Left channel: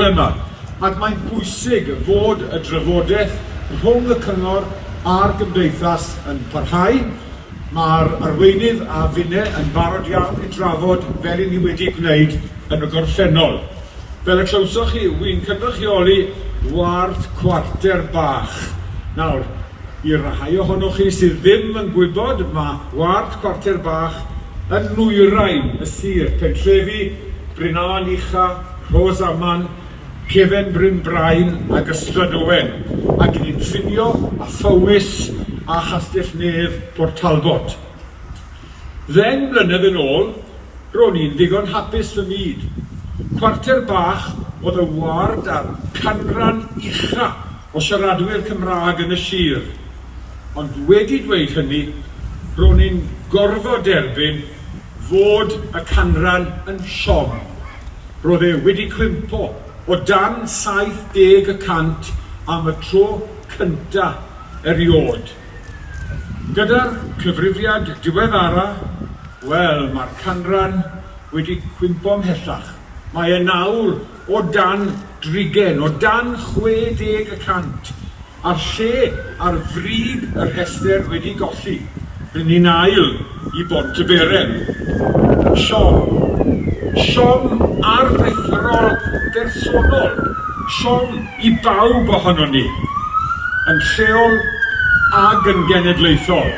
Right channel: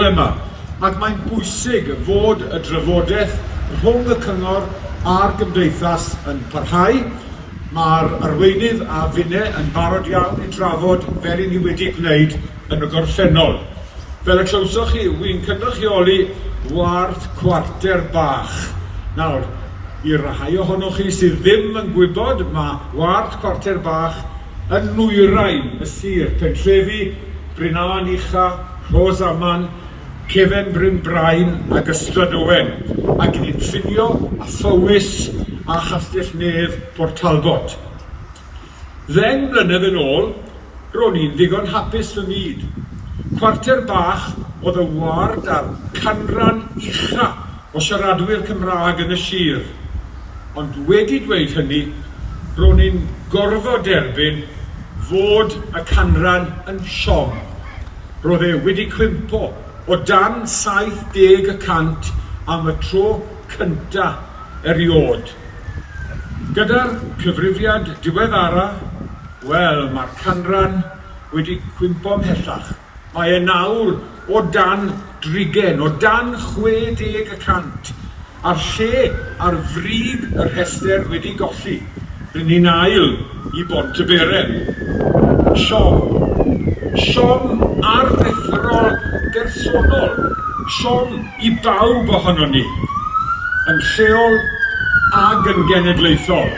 bore yma, ac mae'n bwysig fod y drafodaeth rhwng y cyngor a'r gymdeithas yn parhau. Mae'r arweinydd a finne yn barod iawn i drafod fel i ni wedi gwneud yn y gorffennol. Fel y clywsoch chi, wy'n cynrychioli ward cwarter bach. Nawr, i'r rhai ohonoch chi sydd ddim yn gwybod, mae ward cwarter bach yn nwyrain y sir Pentrefi, Brynhaen Ucha, Rhosaman, Cefen Bryn Brain ac Ystad Owen, ac ni'n ffinio a Thywys a Chastell Nedd Port Talbot. Ddeng mlynedd yn ôl, ro'n i'n ddigon hapus fy myd. Cwarter bach oedd y ward a'r canran ucha o siaradwyr Cymraeg yn y sir. Ond wedi dweud hynny, ro'n i'n gorfod derbyn fod y canran yn siom. Roedd e wedi cwympo o dan 70% am y tro cynta eriod. Gyda'r cyfrifiad diweddara, wel, mae'r canran wedi cwympo ymhellach. Mae e nawr o dan 30, o dan 60%, a'r lle ar fryd y rhestr wedi golli. Rydyn ni'n ail i Bont y Berem. Siom aruthrol bersonol. Siom i bawb ohono ni. Yn lleol ag yn genedlaethol.